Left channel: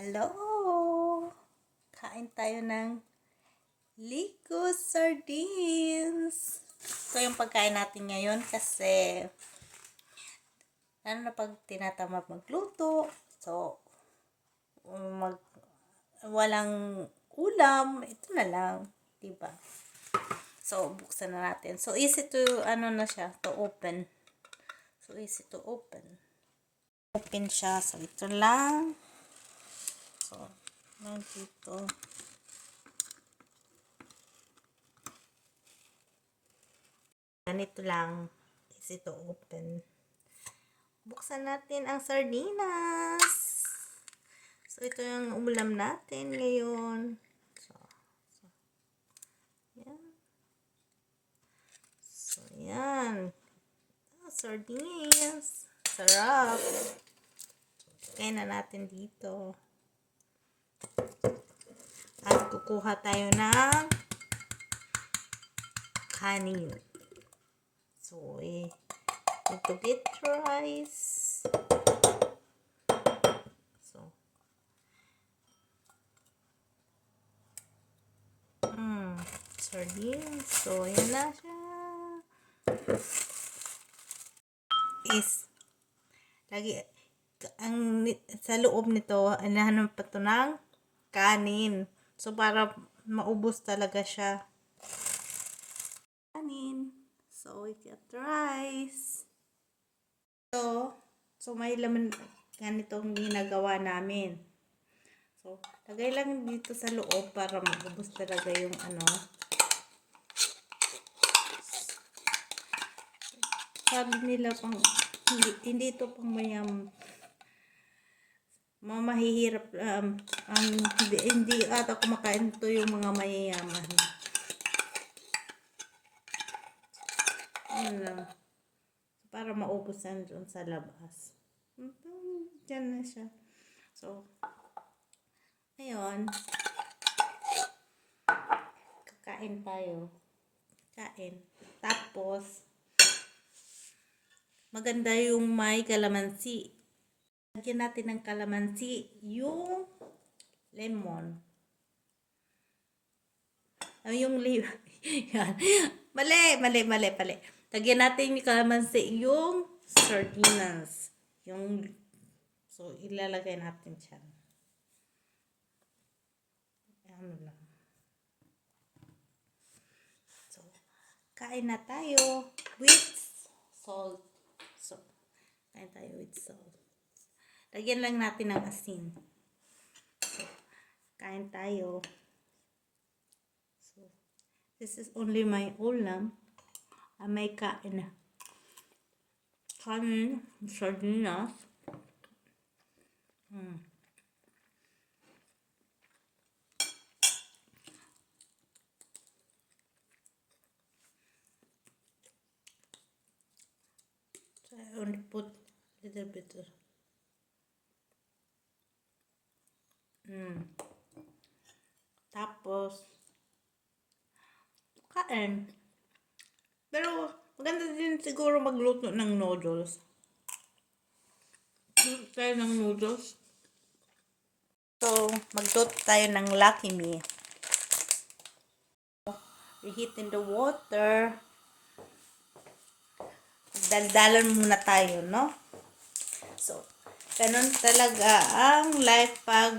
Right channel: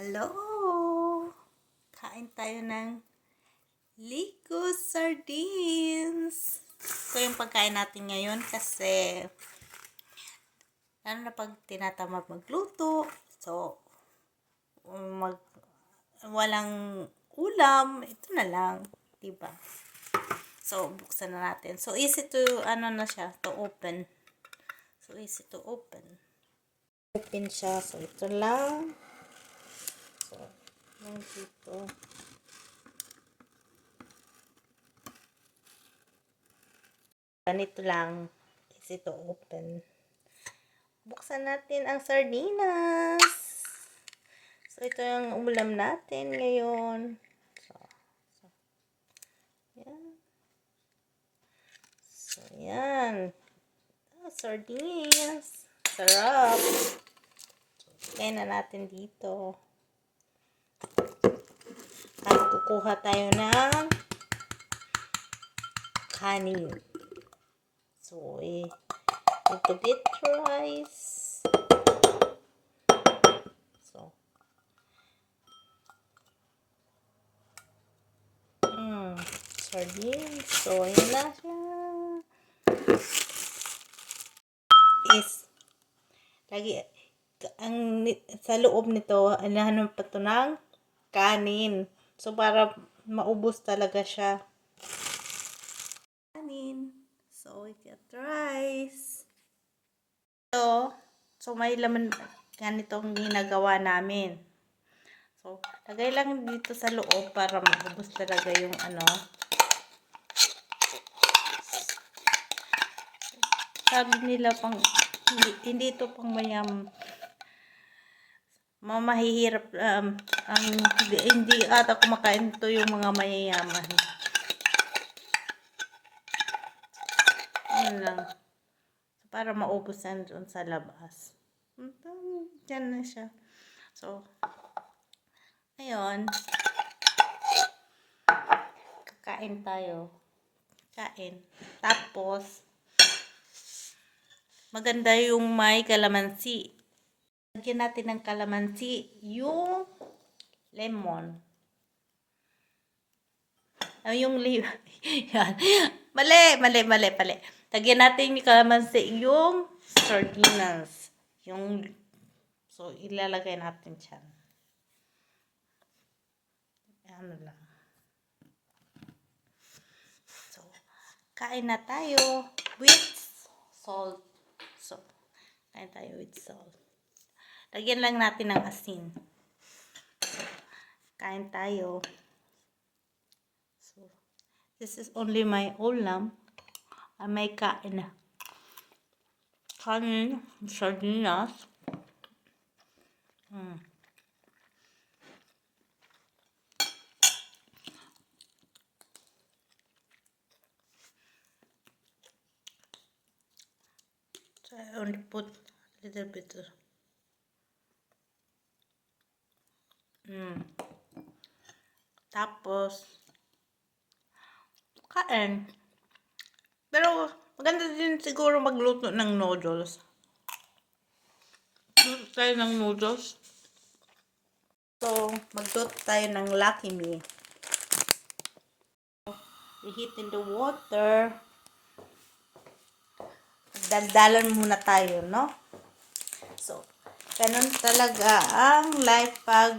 Hello! Kain tayo ng Lico Sardines. Ito yung pagkain natin ngayon kasi lalo na pag tinatamad magluto. So, walang ulam. Ito na lang. Diba? So, buksan na natin. So, easy to, to open. So, easy to open. Open siya. So, ito lang. So, dito. Ganito lang. Easy to open. Buksan natin ang sardinas. So, ito yung ulam natin ngayon. So, yan. So, yan. Sardines. Sarap. Kaya na natin dito. At kukuha tayo ng kanin. So, ito bit rice. So, sardines. So, yun na siya. Sa loob nito, anahanan pa ito ng kanin. So, para maubos talaga siya. Kanin. So, we got rice. So may laman ganitong ginagawa namin. So, lagay lang dito sa loob para maubos talaga yung sabi nila pang hindi ito pang mahihirap hindi ata kumakain ito yung mga mayayaman. Ano lang para maubos yan doon sa labas. Diyan na siya. So, ngayon kakain tayo. Kain. Tapos maganda yung may kalamansi. Lagyan natin ng kalamansi yung lemon. Yung yan. Mali. Lagyan natin yung kalamansi yung sardinas. So, ilalagay natin siya. Ano lang. So, kain na tayo with salt. So, kain tayo with salt. Lagyan lang natin ng asin. So, kain tayo. So, this is only my ulam. May kain na. Kanin, sardinas. So, I only put a little bit. Tapos, kain. Pero, maganda din siguro magluto ng noodles. Luto tayo ng noodles. So, magluto tayo ng Lucky Me. Reheat in the water. Daldalan muna tayo, no? So, ganun talaga ang life pag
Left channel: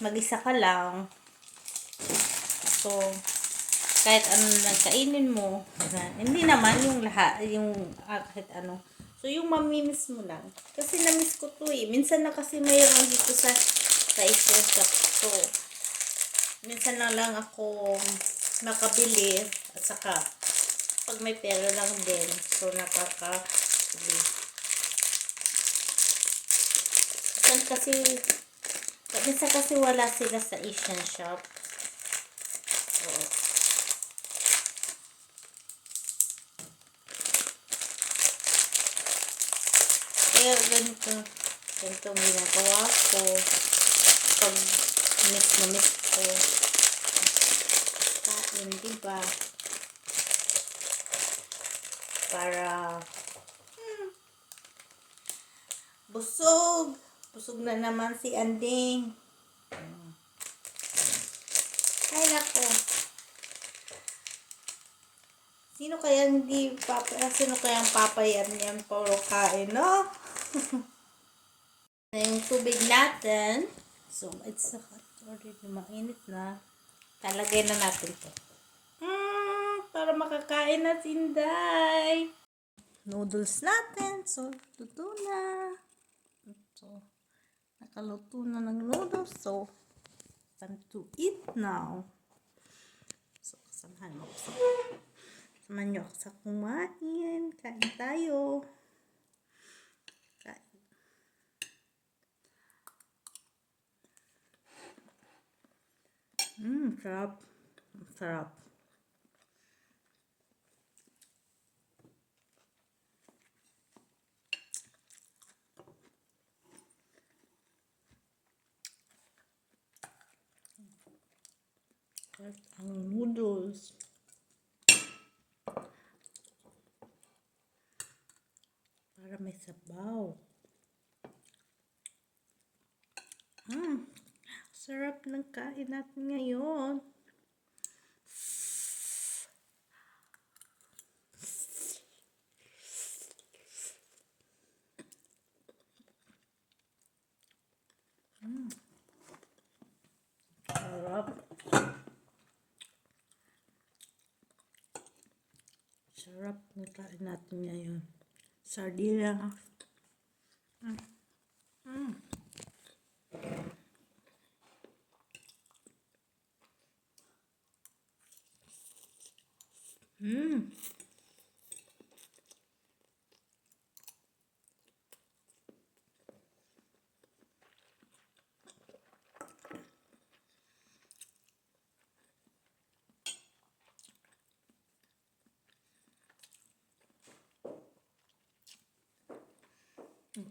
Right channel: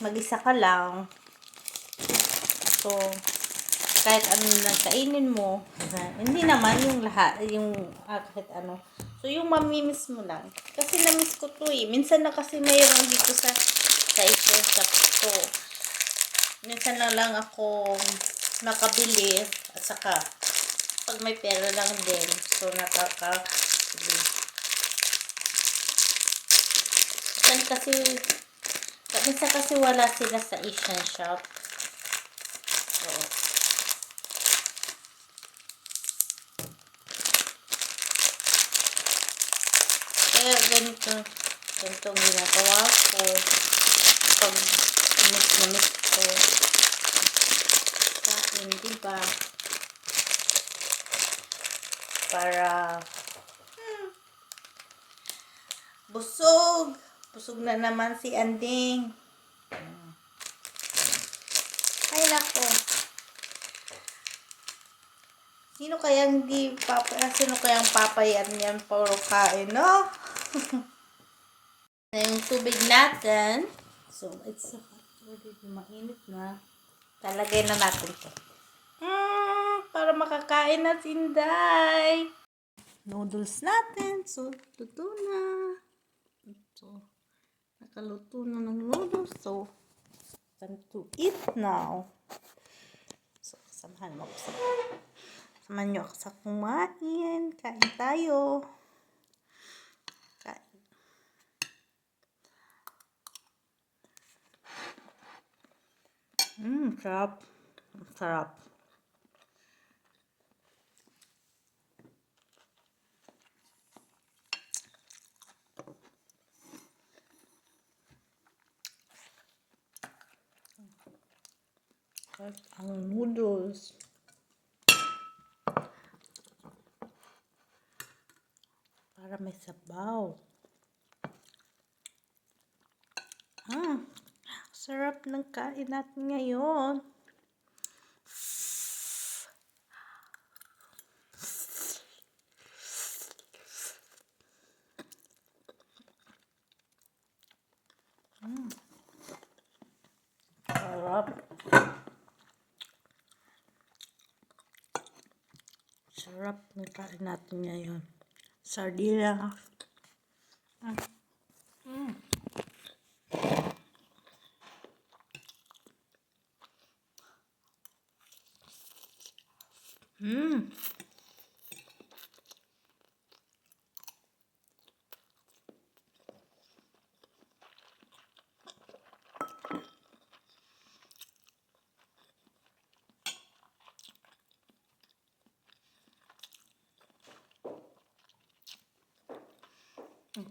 mag-isa ka lang. So, kahit ano na kainin mo, hindi naman yung lahat, kahit ano. So, yung mamimiss mo lang. Kasi namiss ko to eh. Minsan na kasi mayroon dito sa isa shop ko. Minsan lang ako nakabili at saka pag may pera lang din. So, nakakabili. Minsan kasi wala sila sa Asian shop. So, kaya ganito ang ginagawa ko pag miss ko kain, diba? Para busog na naman si Anding. Ay, nako. Sino kayang papayan yan? Puro kain, no? Yung tubig natin. So, it's already mainit na. Talagay na natin to. Para makakain na Inday. Noodles natin. So, luto na. So, nakaluto na ng noodles. So, time to eat now. So, samahan niyo ako sa kumain. Kain tayo. Kain. Sarap. Sarap. Sarap ang noodles. Para may sabaw. Sarap ng kain natin ngayon. Sarap. Sarap ng kain natin ngayon. Sardinas. Ang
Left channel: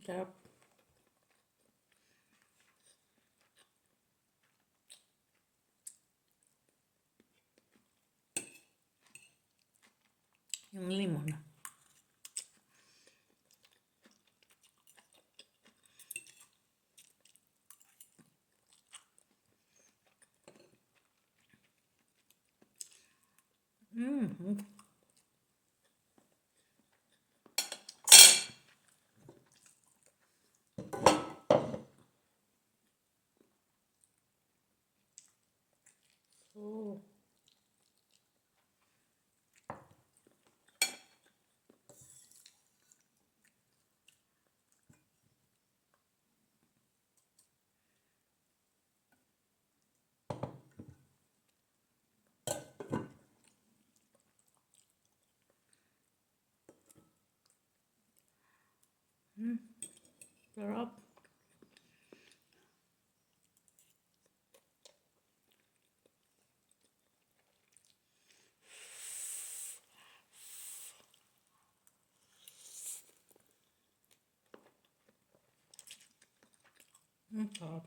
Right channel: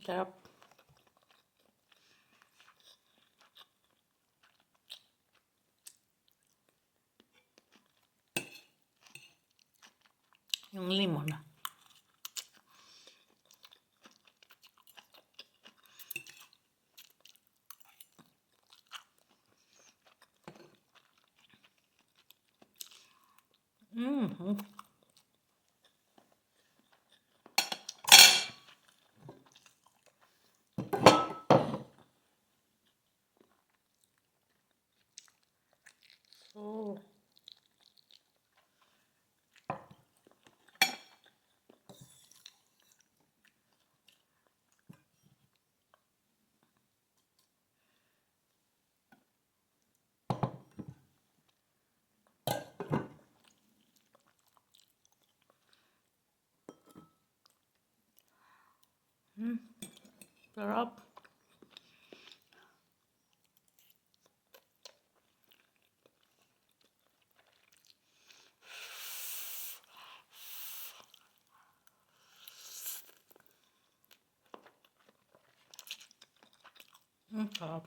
sarap. Yung limon na. So, sarap. Sarap.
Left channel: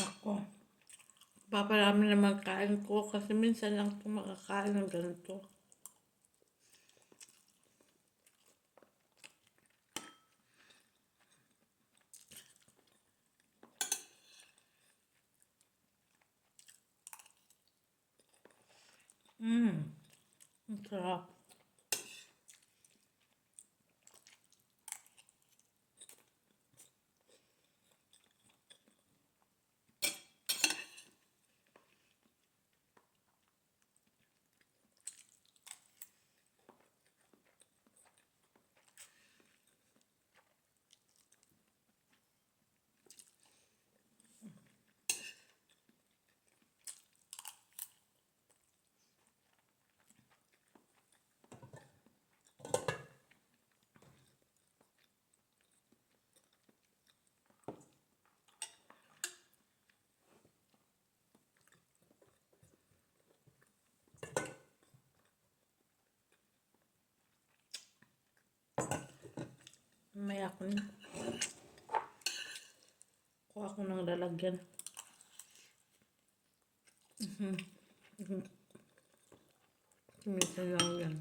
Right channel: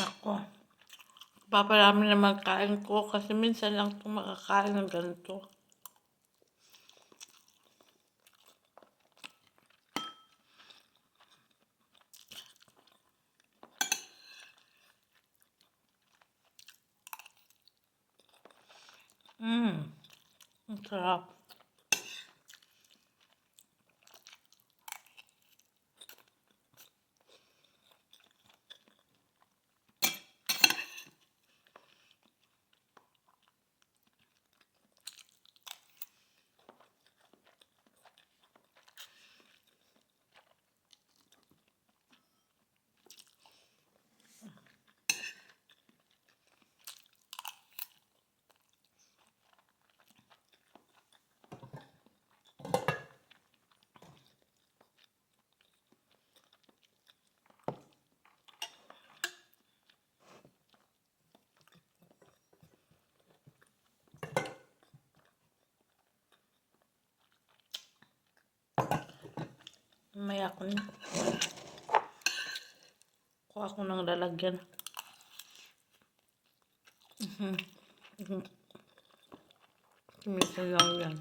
Ako. Paparami naman kain ko kasi minsan lang ito makakain ng ganito. Ang sarap. May ako na. Kuha ko ng lalagyan. Minsan lang yan.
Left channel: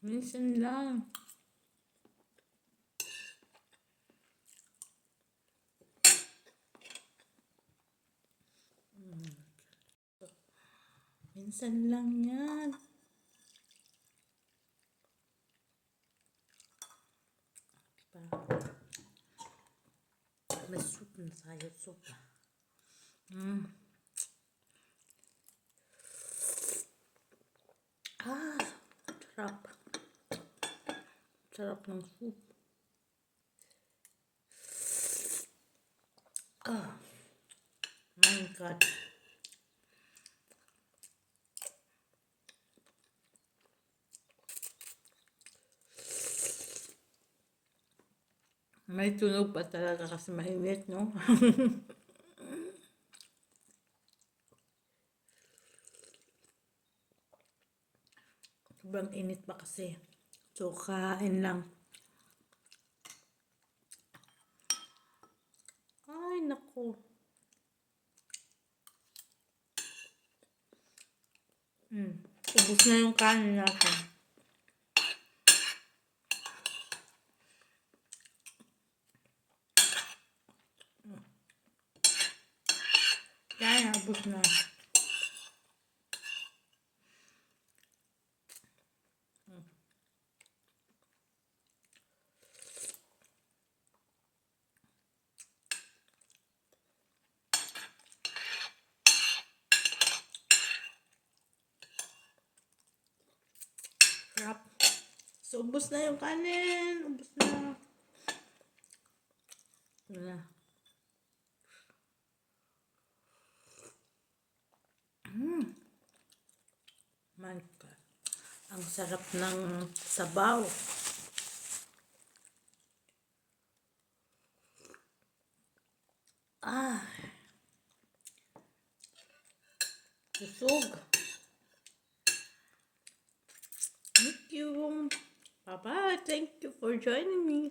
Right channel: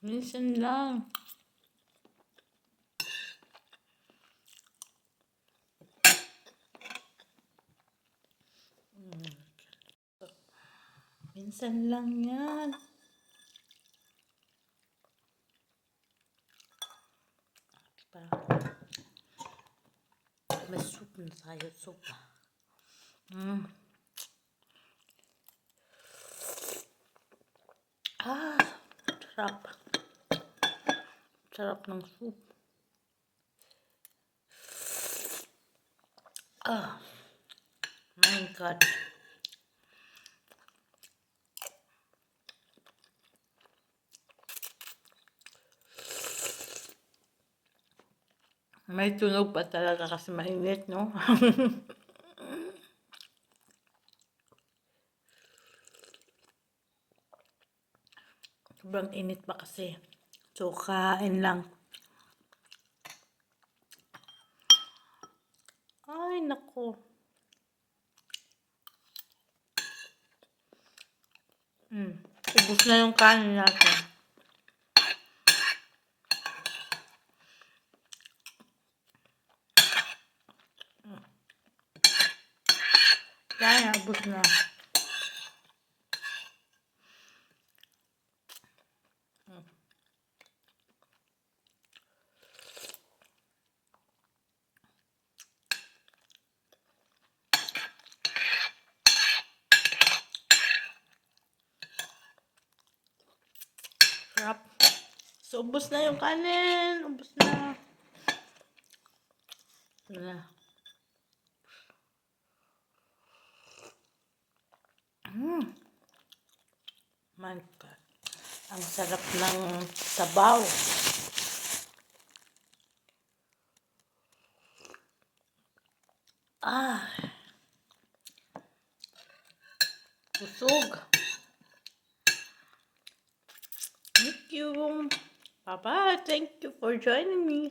Minsan lang. Minsan lang yan. May soup na tayo. Soup. Sarap. Sarap ng soup. My God. May tunog pa talaga kasi mainit, no? Sobrang init pa kasi. So, kain lang. Ay, naku. Ubus na yung kanin natin. Yan, ubus na. Sarap. So, ubus na yung kanin. Ubus na. My God. Ang sarap ng sabaw. Busog. Thank you. Bye-bye. Thank you for joining me.